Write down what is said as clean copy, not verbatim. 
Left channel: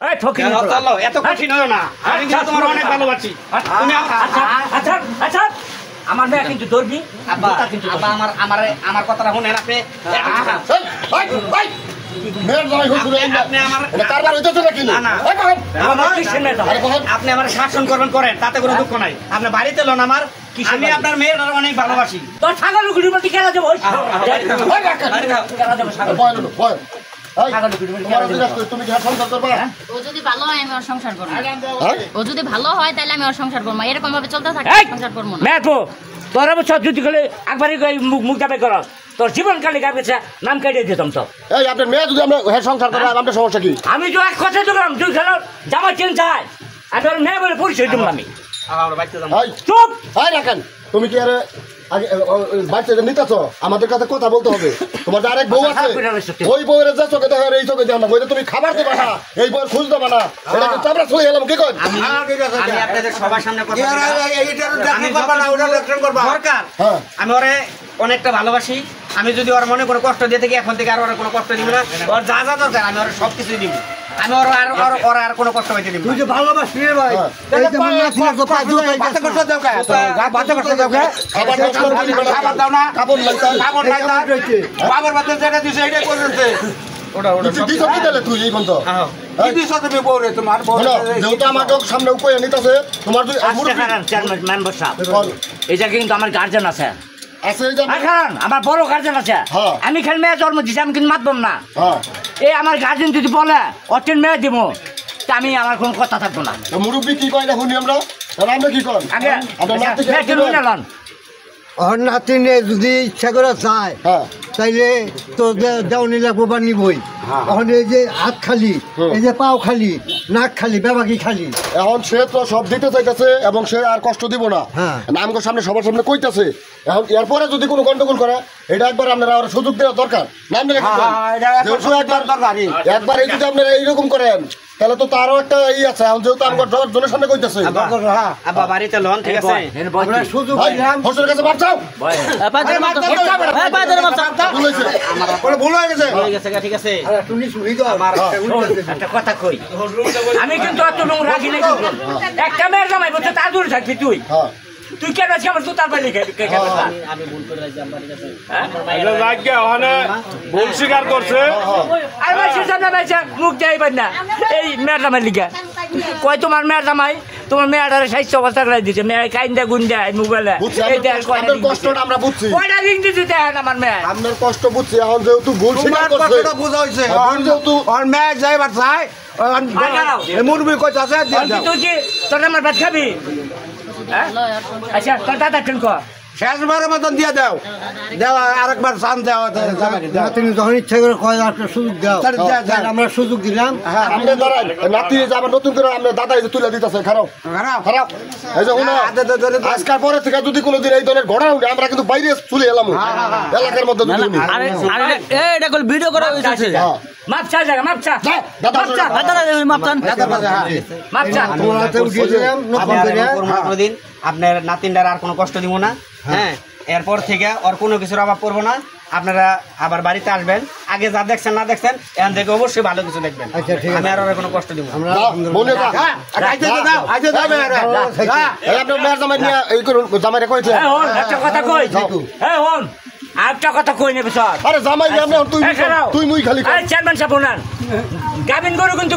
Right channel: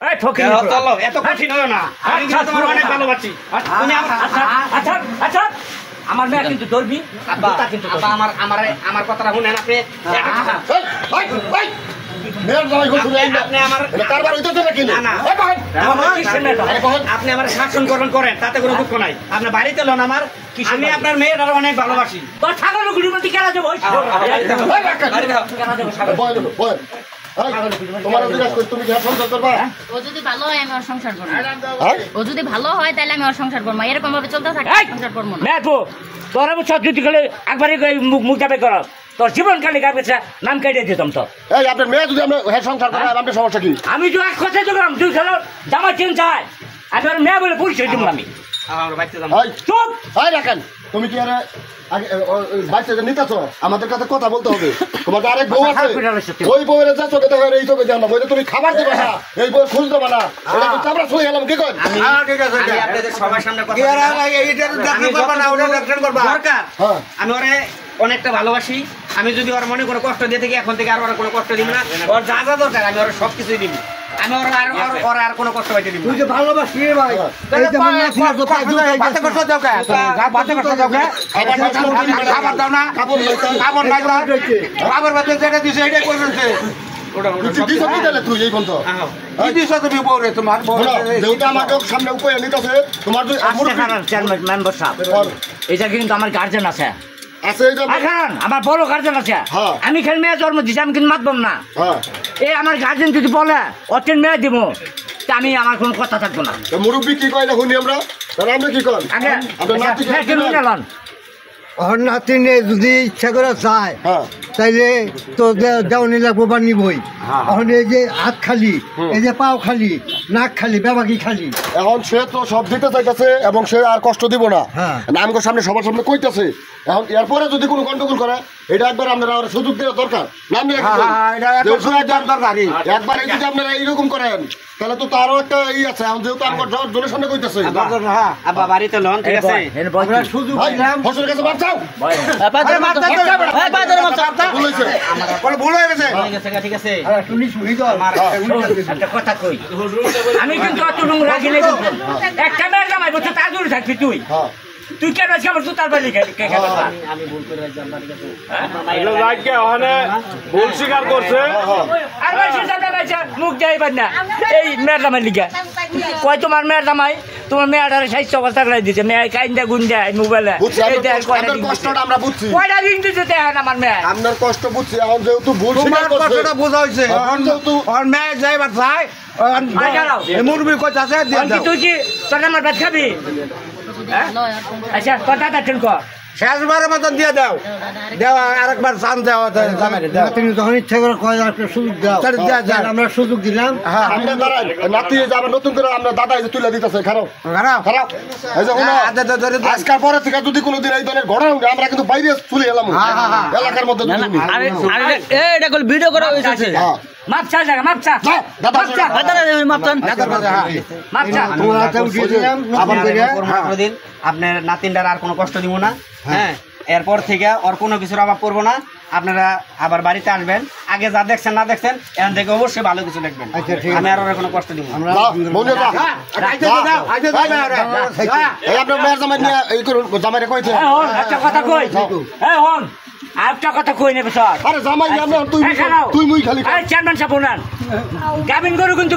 এই ঠকিনি চলো এত কঠিন হয় না আমি কিন্তু তোমার অনেক ভালোবাসি তুমি আচ্ছা আচ্ছা আমার মেয়ে কিন্তু ধরবি আব্বা কিন্তু আব্বা আমার কথাটা শুনেন আপনি আপনি আমার শাসন করবেন করেন তাতে কোনো দুঃখ নাই আপনার বাড়িতে লোন আমার আমি আপনার মেয়ের অনেক ভালোবাসি তোর ছাগলগুলির মধ্যে খেলা যাবো ও যদি ভালো হয় আমি ওর সংসার করবো ও যদি ভালো হয় তাহলে আমি ওর সংসার করবো এরকম ভাবে চলতে থাকি সংসার করবো না তোর সত্যি গেলে একবারই মুখ যাবে কর তোর জীবন কালে গাছে নাম কাটিয়ে দিতাম তো এই আপনার মেয়ে যদি আমরা সংসার করে আপনার সমস্যা কি আমি তো এক কথাই দিলাম তুই খেলো জামা চেন চাই আমি তোর মেয়ে বলে পরিচয় দিব আমি চুপ হয় রাখেন তুমি কি আরে আগে বাচ্চাকে নিতেছো আমাদের কাছে কথা বলতে হবে তোমার আরেক বউ আছে ওই বউয়ের যা চোখে দেখো এই চোখে দেখো না বইতে তুমি খাবার দেবা না এই বউয়ের খুঁজ দেবা না এটা তো চাপড়া চলে গেলাম কি কর আমি আপনাদের সবার সামনে কথা দরকার আমি ওরে অনেকটা ভালোবাসি আমি যদি ওর মনে কোনো কষ্ট দিয়ে থাকি এখন থেকে আর ওর কোনো কষ্ট দিব না ওর যা যা দরকার আমি ওর সব কিছুই দিব আমি ওর আর কোনো কষ্ট পাইতে দিব তুই যে ভালোবাসি রে ভাই এই যে মনে আছে তো বাচ্চা করতে দাও কা বাচ্চা করতে দাও কা খাবার দাও না খাবার নাই না বাবার বাচ্চা যেটা দিছে এটাই কইছে ওটা দিছো কি দিলে তুই এই বন্ধ কি দিছো তুমি বউরে তোমার বউ যেটা আমার সামনে উপরে নিতেছে তোমার চেয়ারম্যান মেম্বার সাহেব এটা কিন্তু আমার গার্জেন আছে আমার বড় গার্জেন আছে আমি খালি মেয়ে জন্ম দিচ্ছি আমি কিন্তু মাতবম না এই আমার গার্জেন যদি বলে অটিন মেয়ে দিব তা আমি আমার কোনো কথা থাকবো না মুরব্বী কি কয় না শুনি আমরা আমরা কি কর আগে ওর নাতিনে যদি ইচ্ছা করে চায় তাইলে তো দেওয়ানি লাগবো বা নিবই এখন এই যে হাত খালি এই যে পাও খালি নাক খালি বেবাকি খালি এখন সে তো সব দিতে চাইতেছে এবং সে আর কষ্ট দিব না আমগোর সামনে সবার সামনে কইতেছে এখন এরপরে যদি কোনো গন্ডগোল করে এটা একবার আপনারা সুযোগ দেওয়া দরকার একবার এই যদি আপনারা এইরকম করেন তাহলে তো তারও একটা ই আছে এখন যেহেতু আমার জনের সামনে কইতেছে আব্বা বাড়িতে লোন ঠিক আছে আমরা সুযোগ দিলাম ফসলের কাছে বাঁচাও ভুল হয়ে গেছে ঠিক আছে তুমি শুনি তো একটা কথা কই আমি কিন্তু অত নোংরা রাখি নাই একটা মেয়ের জামাই বলছে তার দূরে থাকবি তুই তুই কেন আজকে আমার জুতার বাইরে আমি ভুল করে রাখছি আব্বা ঠিক আছে ভুল স্বীকার করছে আর ভাইসে জানা ভাইসে মুখ যাইবার না এই মেয়ের জামাই লিখা কয় তোমার মেয়ের জামাই তোমার মেয়েটারে স্বাস্থ্য অবস্থা করে দিচ্ছে মেয়ে কাইন্দা গুন্দা মোবাইলে আমরা বুঝছি কয়টা দিন দিতে দেখেন আমার মেয়ে আপনার কষ্ট বুঝছি এখন যেহেতু ভুল স্বীকার করছে বোঝা হয়েছে ওর মেয়ে যাইবার চাই মুরবি কইতে আছে তুই কি তোর আমার ভাত খাবি আচ্ছা তোর দাদা কেন কর শেষবারের মতন দিয়ে দাও দেওয়া আরেকবার চান দেওয়া তুমি যখন ইচ্ছা করে কয় একটা সুযোগ দাও আমরা সুযোগ দিলাম নাতি আবার নতুন করে আমরা দাদা তুলে দিতেছে খারাপ খারাপ এই যখন আজকাল পরে থেকে যদি কোনোদিন এই ধরনের ঘটনা উঠে আমরা কিন্তু বাইরে চলে এলাম এলাকার মধ্যে এটা ভিডিও করা হয়েছে মাপ চা জায়গা মাপ চা দাদা মাপ চা আপনার নাতিনটার আর কোনো কষ্ট দিব না হ্যাঁ এরপর থেকে ওর কোনো কিছুর অভাব করবো না আপনারা আবার বাড়িতে আসবেন আগে যা দেখছেন না দেখছেন এখান থেকে অবশ্যই ভালো কিছু দেখবেন আমি আর ওর কোনো কষ্ট দিব না একটা কথা কই আরেকটা কথা কই নেবে স্যার আরে জামাই তুই মুই খালি চেয়ারম্যান সাহেব গাবিন গরু কিন্তু